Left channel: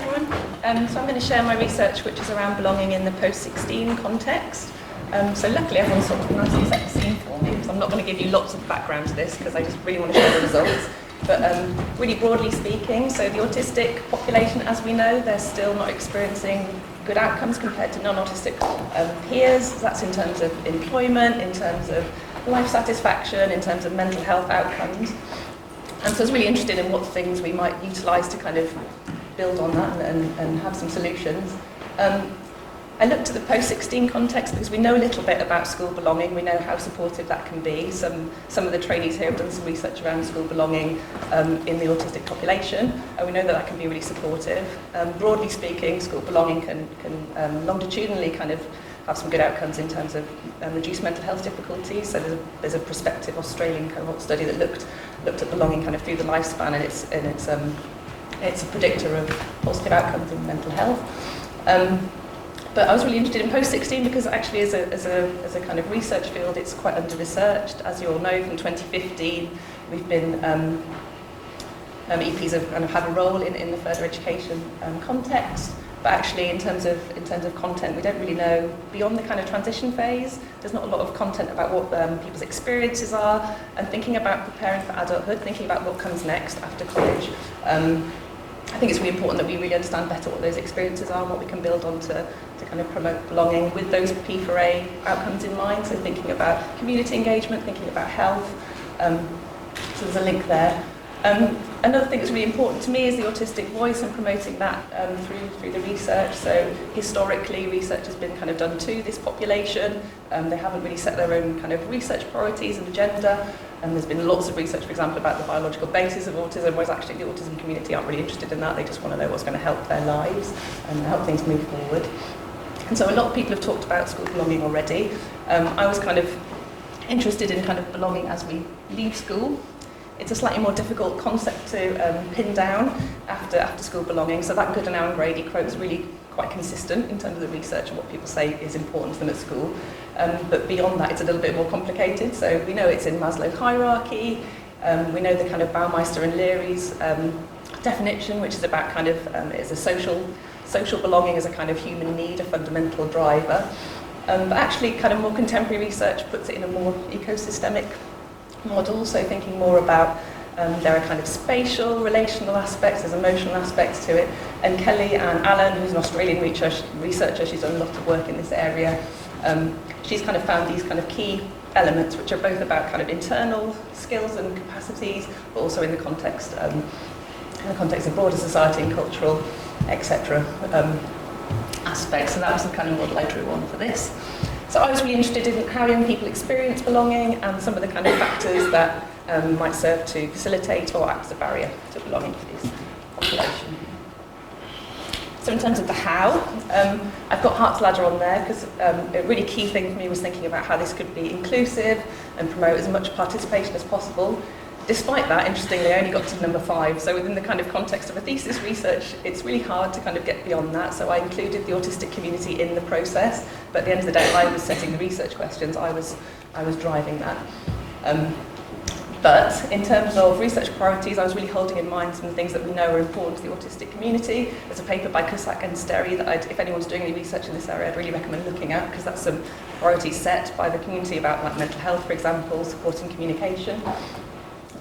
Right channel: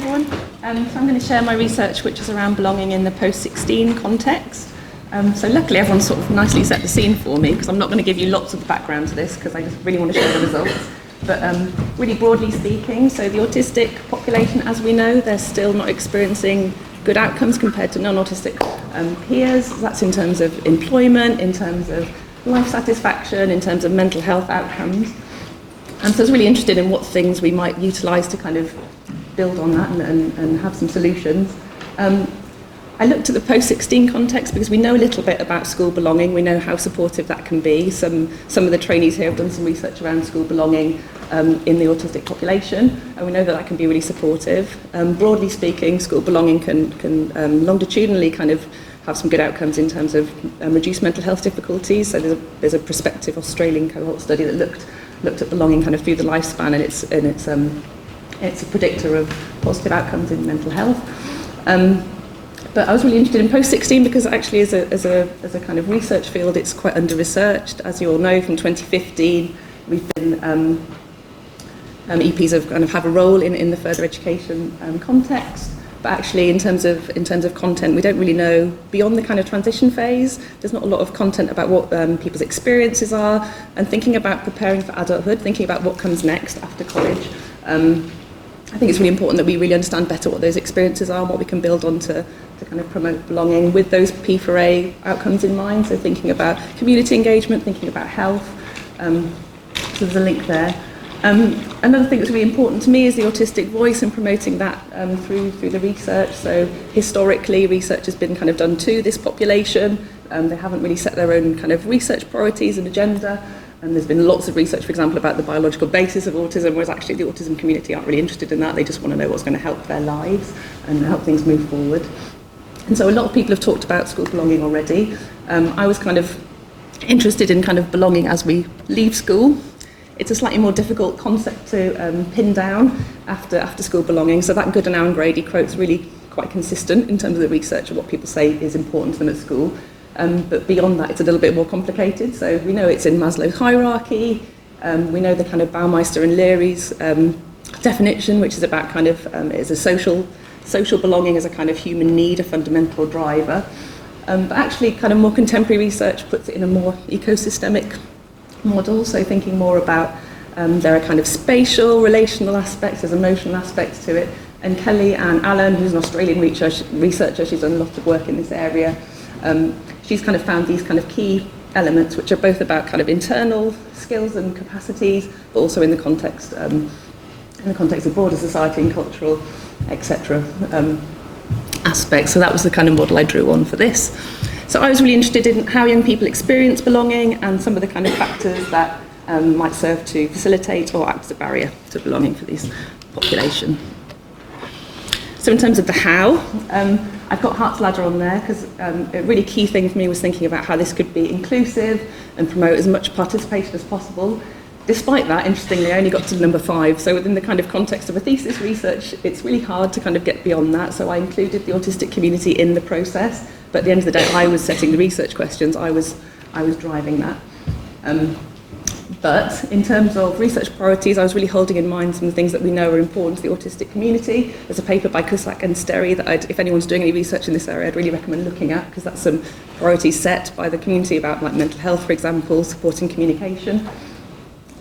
everyone. So I'm going to share my research, which is around belonging in the post-16 context. So luckily everyone's sort of nicely set the scene for me, because I'm not going to give you lots of the background to this, because I just really want to share the results. But really broadly speaking, so the autistic population, as we know, they're still not experiencing good outcomes compared to non-autistic peers. That's in terms of employment, in terms of life satisfaction, in terms of mental health outcomes. And so I was really interested in what things we might utilise to kind of build on that and have some solutions. I looked at the post-16 context because we know a little bit about school belonging. We know how supportive that can be. Some of the trainees here have done some research around school belonging in the autistic population, and we know that that can be really supportive. Broadly speaking, school belonging can longitudinally kind of have some good outcomes in terms of reduced mental health difficulties. So there's a prospective Australian cohort study that looked at belonging kind of through the lifespan, and it's a predictor of positive outcomes in mental health. But I was really interested in post-16 because actually as a kind of research field, it's quite under-researched. As you all know, from 2015, we've been EPs have a role in the further education context. But actually, in terms of content, we don't really know beyond the kind of transition phase. There's not a lot of content about what people's experiences are, and thinking about preparing for adulthood, thinking about what comes next after college. I think it's really important that we really understand better what those experiences are and what we can build on to kind of promote belonging with those P4A outcomes in mind. So thinking about community engagement, thinking about health. So there's a link there. Another thing that's really important to me is the autistic voice and promoting that through the research. So historically, research has been kind of done to this population. They haven't really set their own kind of research priorities and agenda. And there's been lots of research, for example, about the biological basis of autism, whereas actually the autism community aren't really interested in that. They just want to know what's going to help their lives and help things move forward. And so a lot of people have talked about school belonging already. I was kind of interested in kind of belonging as we leave school. It's a slightly more difficult concept to pin down after school belonging. So that Good and Grady quote's really quite consistent in terms of the research and what people say is important to them at school. But beyond that, it's a little bit more complicated. So we know it's in Maslow's hierarchy. We know the kind of Baumeister and Leary's definition, which is about kind of is a social belonging as a kind of human need, a fundamental driver. But actually, kind of more contemporary research puts it in a more ecosystemic model. So thinking more about there are kind of spatial, relational aspects, there's emotional aspects to it. And Kelly Ann Allen, who's an Australian researcher, she's done a lot of work in this area. She's kind of found these kind of key elements which are both about kind of internal skills and capacities, but also in the context of broader society and cultural, etc. Aspects. So that was the kind of model I drew on for this. So I was really interested in how young people experience belonging and some of the kind of factors that might serve to facilitate or act as a barrier to belonging for this population. So in terms of the how, I've got Hart's Ladder on there because a really key thing for me was thinking about how this could be inclusive and promote as much participation as possible. Despite that, interestingly, I only got to number 5. So within the kind of context of a thesis research, it's really hard to kind of get beyond that. So I included the autistic community in the process, but at the end of the day, I was setting the research questions. I was driving that. But in terms of research priorities, I was really holding in mind some things that we know are important to the autistic community. There's a paper by Cusack and Sterry that if anyone's doing any research in this area, I'd really recommend looking at, because that's some priorities set by the community about like mental health, for example, supporting communication.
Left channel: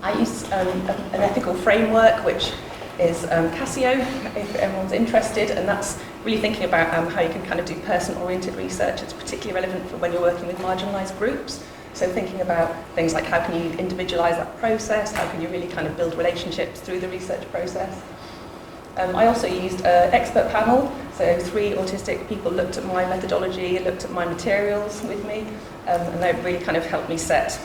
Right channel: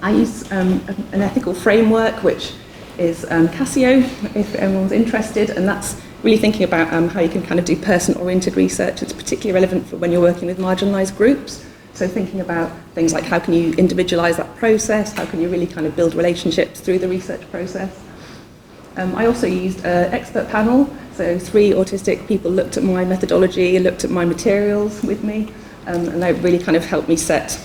I use an ethical framework, which is Casio, if everyone's interested, and that's really thinking about how you can kind of do person-oriented research. It's particularly relevant for when you're working with marginalised groups. So thinking about things like how can you individualise that process, how can you really kind of build relationships through the research process. I also used an expert panel, so 3 autistic people looked at my methodology and looked at my materials with me, and they really kind of helped me set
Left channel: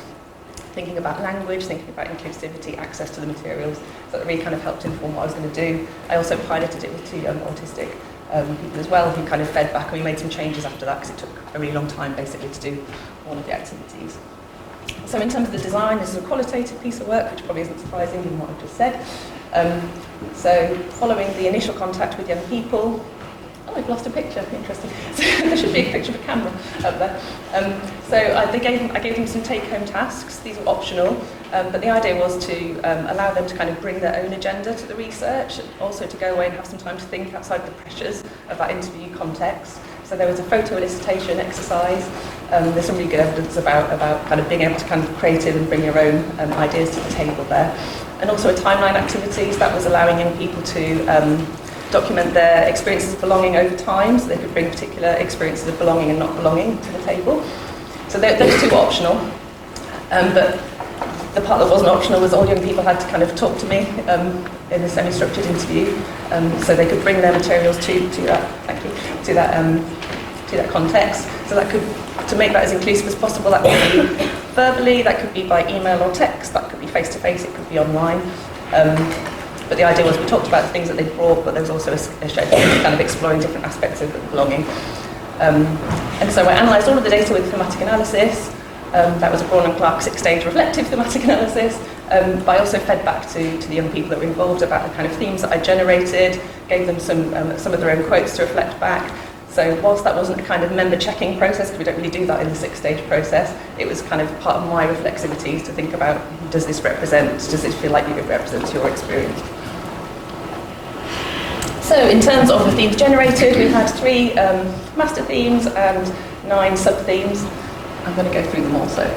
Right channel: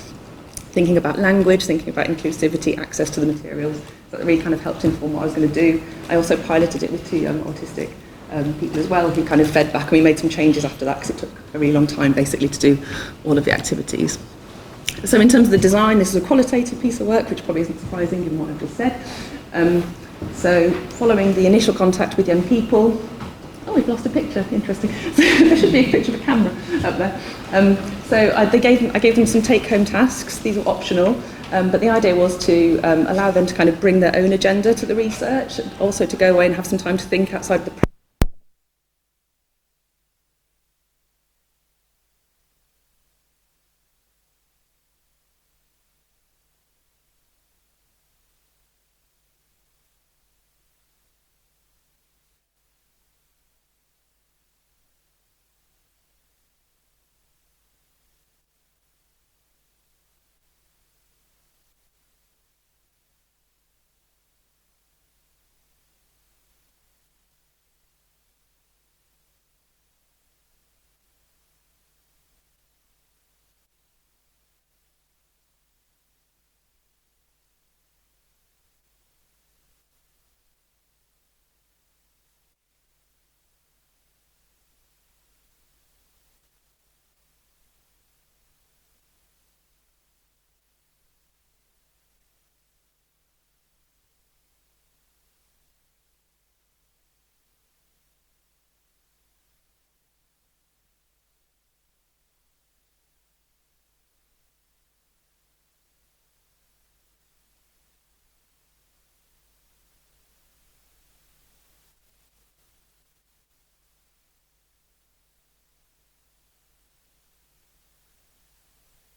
thinking about language, thinking about inclusivity, access to the materials. So that really kind of helped inform what I was going to do. I also piloted it with 2 autistic people as well, who kind of fed back, and we made some changes after that because it took a really long time basically to do all of the activities. So in terms of the design, this is a qualitative piece of work, which probably isn't surprising given what I've just said. So following the initial contact with young people, we've lost a picture. Interesting. So there should be a picture of a camera up there. I gave them some take-home tasks. These were optional, but the idea was to allow them to kind of bring their own agenda to the research, also to go away and have some time to think outside the pressures of that interview context. So there was a photo elicitation exercise. There's some really good evidence about kind of being able to kind of be creative and bring your own ideas to the table there. And also a timeline activities that was allowing young people to document their experiences of belonging over time, so they could bring particular experiences of belonging and not belonging to the table. So those two were optional, but the part that wasn't optional was all young people had to kind of talk to me in a semi-structured interview, so they could bring their materials to that context. So that could, to make that as inclusive as possible, that could be verbally, that could be by email or text, that could be face-to-face, it could be online. But the idea was we talked about the things that they brought, but there was also a schedule kind of exploring different aspects of belonging. And so I analysed all of the data with thematic analysis. That was a Braun and Clark 6-stage reflective thematic analysis. But I also fed back to the young people that were involved about the kind of themes that I generated, gave them some of their own quotes to reflect back. So whilst that wasn't a kind of member checking process, because we don't really do that in the 6-stage process, it was kind of part of my reflexivities to think about, does this feel like it represents your experience? So in terms of the themes generated, we've had 3 master themes and 9 sub-themes. I'm going to go through them all, so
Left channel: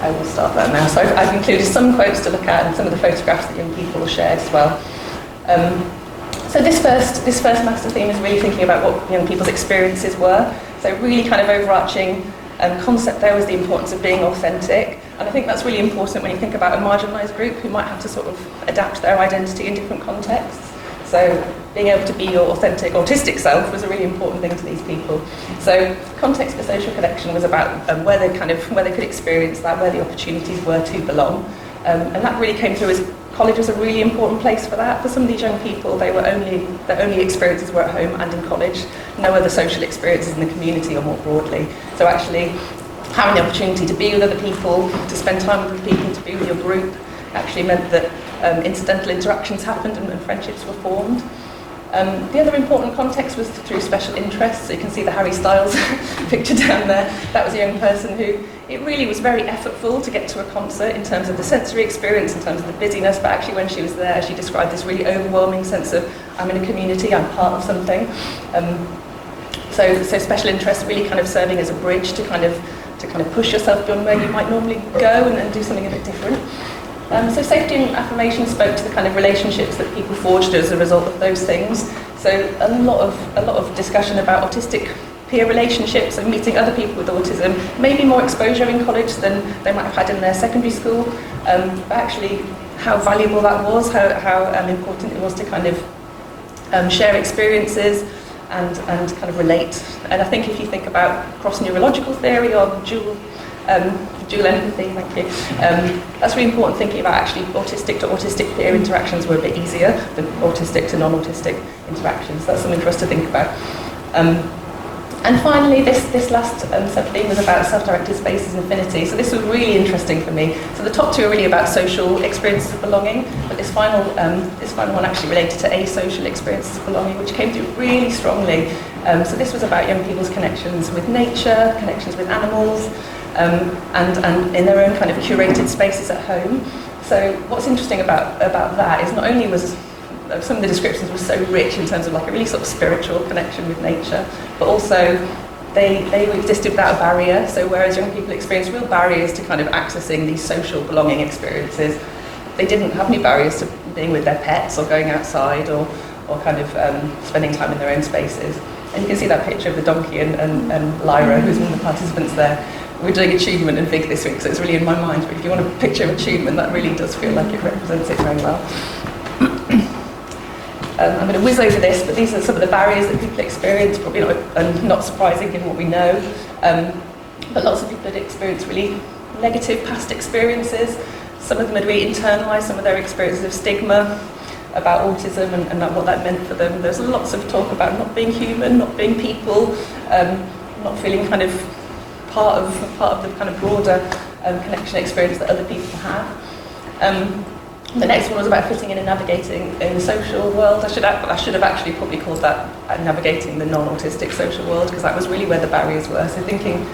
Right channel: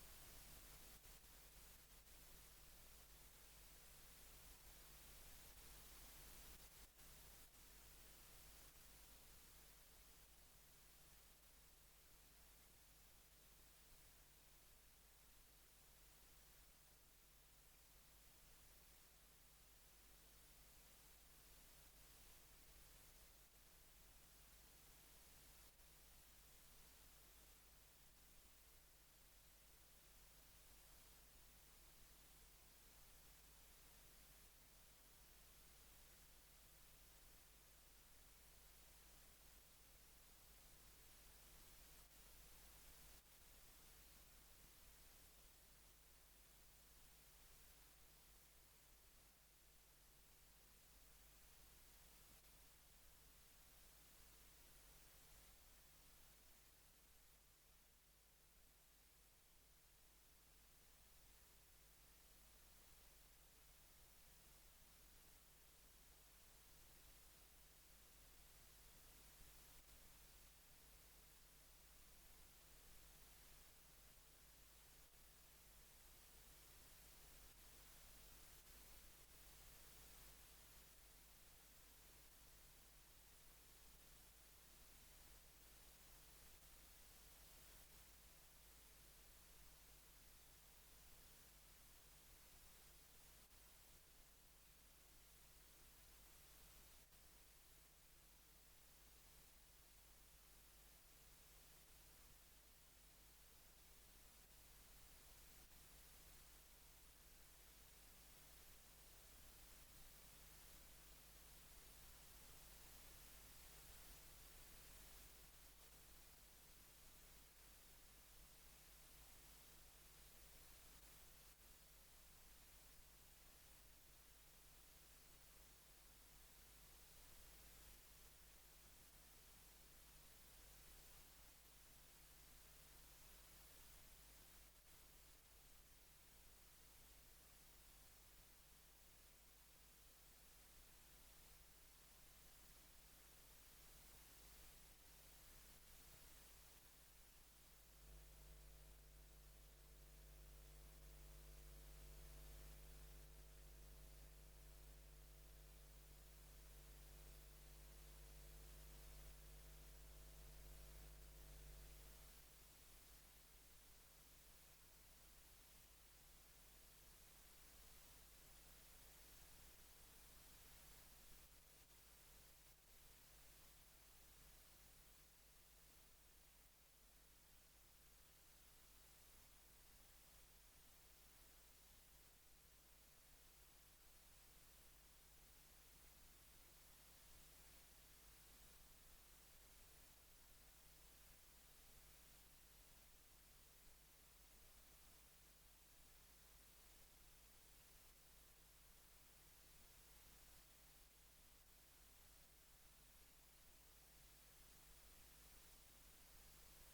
I will start that now. So I've included some quotes to look at and some of the photographs that young people shared as well. So this first master theme is really thinking about what young people's experiences were. So really kind of overarching concept there was the importance of being authentic. And I think that's really important when you think about a marginalised group who might have to sort of adapt their identity in different contexts. So being able to be your authentic autistic self was a really important thing to these people. So context for social connection was about where they could experience that, where the opportunities were to belong. And that really came through as college was a really important place for that. For some of these young people, their only experiences were at home and in college. No other social experiences in the community or more broadly. So actually having the opportunity to be with other people, to spend time with people, to be with your group, actually meant that incidental interactions happened and friendships were formed. The other important context was through special interests. So you can see the Harry Styles picture down there. That was a young person who, it really was very effortful to get to a concert in terms of the sensory experience, in terms of the busyness, but actually when she was there, she described this really overwhelming sense of, I'm in a community, I'm part of something. So special interests really kind of serving as a bridge to kind of push yourself beyond where you might normally go and do something a bit different. So safety and affirmation spoke to the kind of relationships that people forged as a result of those things. So a lot of discussion about autistic peer relationships and meeting other people with autism, maybe more exposure in college than they might have had in their secondary school, but actually how valuable that was, how important it was to kind of share experiences and kind of relate. And I think if you think about cross-neurological theory or dual empathy, thank you. That's really important, thinking about actually autistic to autistic peer interactions were a bit easier than autistic to non-autistic interactions. That's something for us to think about. And finally, this last sub-theme was about self-directed spaces and affinity. So this was really interesting for me. So the top 2 are really about social experiences of belonging, but this final one actually related to asocial experiences of belonging, which came through really strongly. So this was about young people's connections with nature, connections with animals, and in their own kind of curated spaces at home. So what's interesting about that is not only was some of the descriptions were so rich in terms of like a really sort of spiritual connection with nature, but also they existed without a barrier. So whereas young people experience real barriers to kind of accessing these social belonging experiences, they didn't have any barriers to being with their pets or going outside or kind of spending time in their own spaces. And you can see that picture of the donkey and Lyra, who's one of the participants there. We're doing achievement and Vig this week, so it's really in my mind. But if you want a picture of achievement, that really does feel like it represents it very well. I'm going to whiz over this, but these are some of the barriers that people experience, probably not surprising given what we know. But lots of people had experienced really negative past experiences. Some of them had really internalised some of their experiences of stigma about autism and what that meant for them. There's lots of talk about not being human, not being people, not feeling kind of part of the kind of broader connection experience that other people have. The next one was about fitting in and navigating in the social world. I should have actually probably called that navigating the non-autistic social world, because that was really where the barriers were. So thinking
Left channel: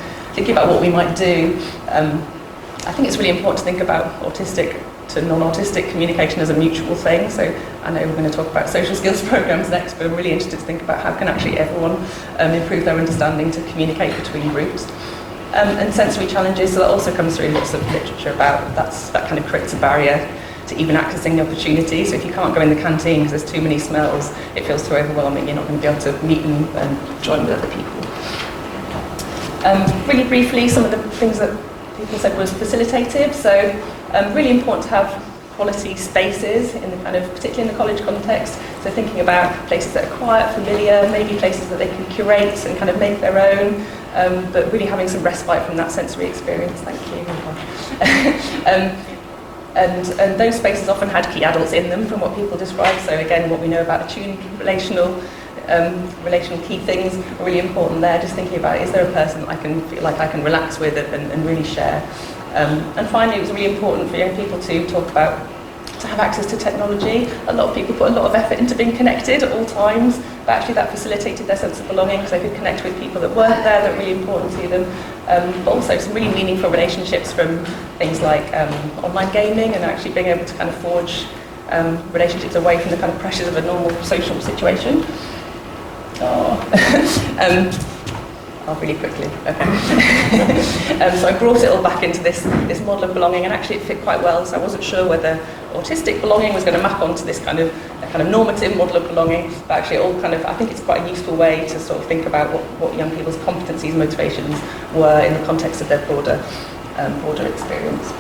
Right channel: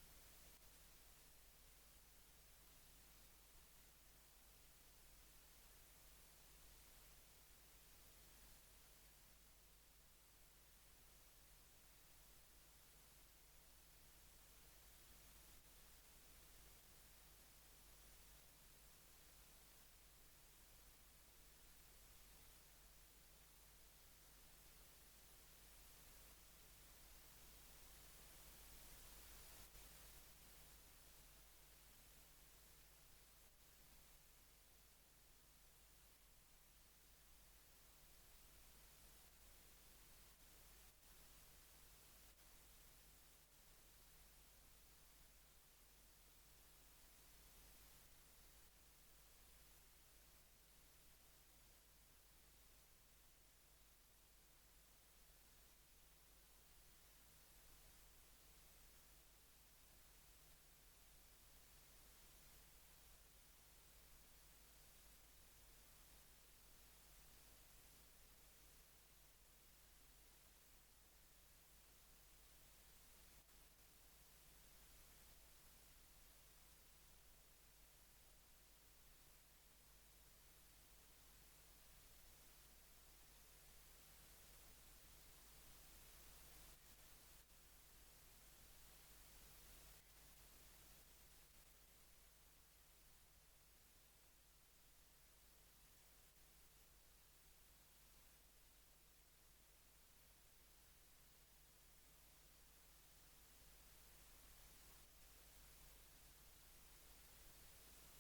about what we might do, I think it's really important to think about autistic to non-autistic communication as a mutual thing. So I know we're going to talk about social skills programs next, but I'm really interested to think about how can actually everyone improve their understanding to communicate between groups. And sensory challenges, so that also comes through lots of literature about that kind of creates a barrier to even accessing the opportunity. So if you can't go in the canteen because there's too many smells, it feels too overwhelming, you're not going to be able to meet and join with other people. Really briefly, some of the things that people said was facilitative. So really important to have quality spaces, in the kind of, particularly in the college context. So thinking about places that are quiet, familiar, maybe places that they can curate and kind of make their own, but really having some respite from that sensory experience. Thank you. And those spaces often had key adults in them, from what people describe. So again, what we know about attuned relational key things are really important there. Just thinking about, is there a person I can feel like I can relax with and really share? And finally, it was really important for young people to talk about, to have access to technology. A lot of people put a lot of effort into being connected at all times, but actually that facilitated their sense of belonging, because they could connect with people that weren't there, that were really important to them. But also some really meaningful relationships from things like online gaming, and actually being able to kind of forge relationships away from the kind of pressures of a normal social situation. Really quickly. Okay. So I brought it all back into this model of belonging, and actually it fit quite well. So I wasn't sure whether autistic belonging was going to map onto this kind of normative model of belonging, but actually it all kind of, I think it's quite a useful way to sort of think about what young people's competencies and motivations were in the context of their broader experience.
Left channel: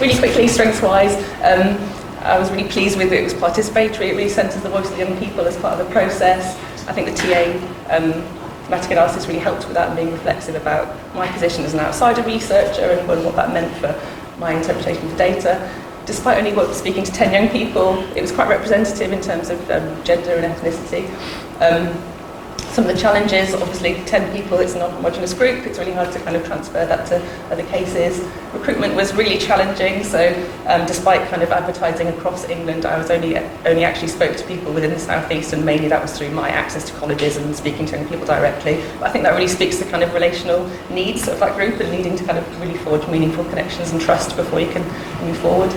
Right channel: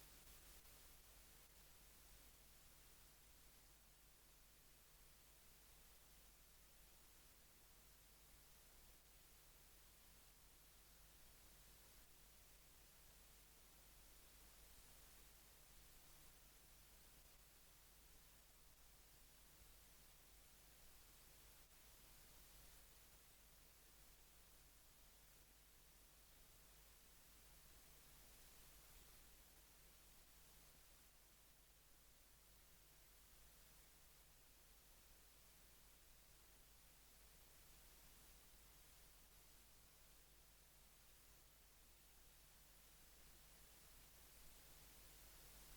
Really quickly, strengths-wise, I was really pleased with it. It was participatory. It really centres the voice of the young people as part of the process. I think the TA thematic analysis really helped with that, and being reflexive about my position as an outsider researcher and what that meant for my interpretation of the data. Despite only speaking to 10 young people, it was quite representative in terms of gender and ethnicity. Some of the challenges, obviously 10 people, it's a non-homogeneous group, it's really hard to kind of transfer that to other cases. Recruitment was really challenging, so despite kind of advertising across England, I was only actually spoke to people within the South East, and mainly that was through my access to colleges and speaking to young people directly. But I think that really speaks to kind of relational needs of that group, and needing to kind of really forge meaningful connections and trust before you can move forward.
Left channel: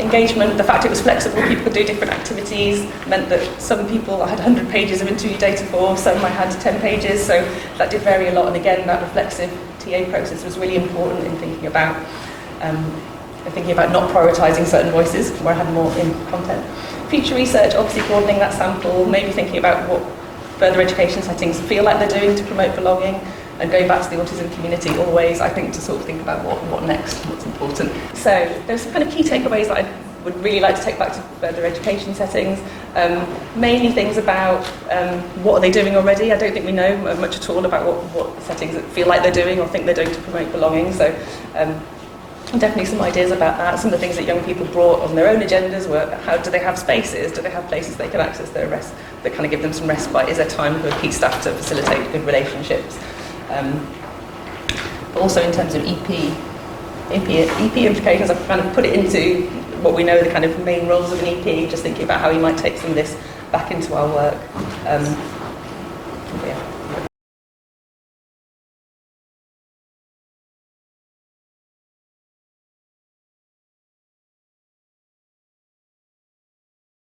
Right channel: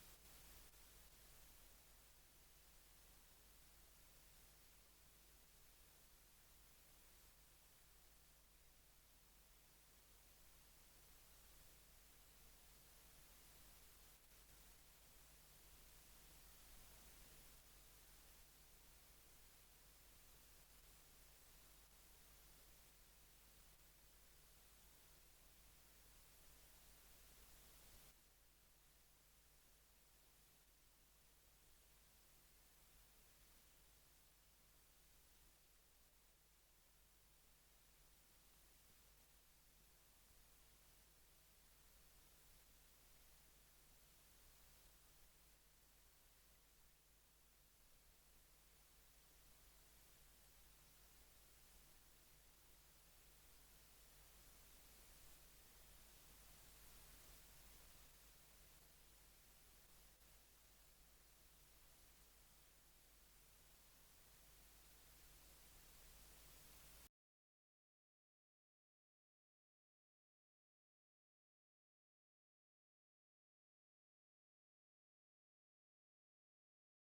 Engagement, the fact it was flexible, people could do different activities, meant that some people I had 100 pages of interview data for, some I had 10 pages, so that did vary a lot. And again, that reflexive TA process was really important in thinking about not prioritising certain voices where I had more in content. Future research, obviously broadening that sample, maybe thinking about what further education settings feel like they're doing to promote belonging, and going back to the autism community always, I think, to sort of think about what next, what's important. So there's some kind of key takeaways that I would really like to take back to further education settings. Mainly things about what are they doing already. I don't think we know much at all about what settings feel like they're doing or think they're doing to promote belonging. So definitely some ideas about that. Some of the things that young people brought on their own agendas were, how do they have spaces? Do they have places they can access their rest, that kind of give them some respite? Is there time for key staff to facilitate good relationships? But also in terms of EP implications, I've kind of put it into what we know the kind of main roles of an EP, just thinking about how we might take some of this back into our work. Yeah.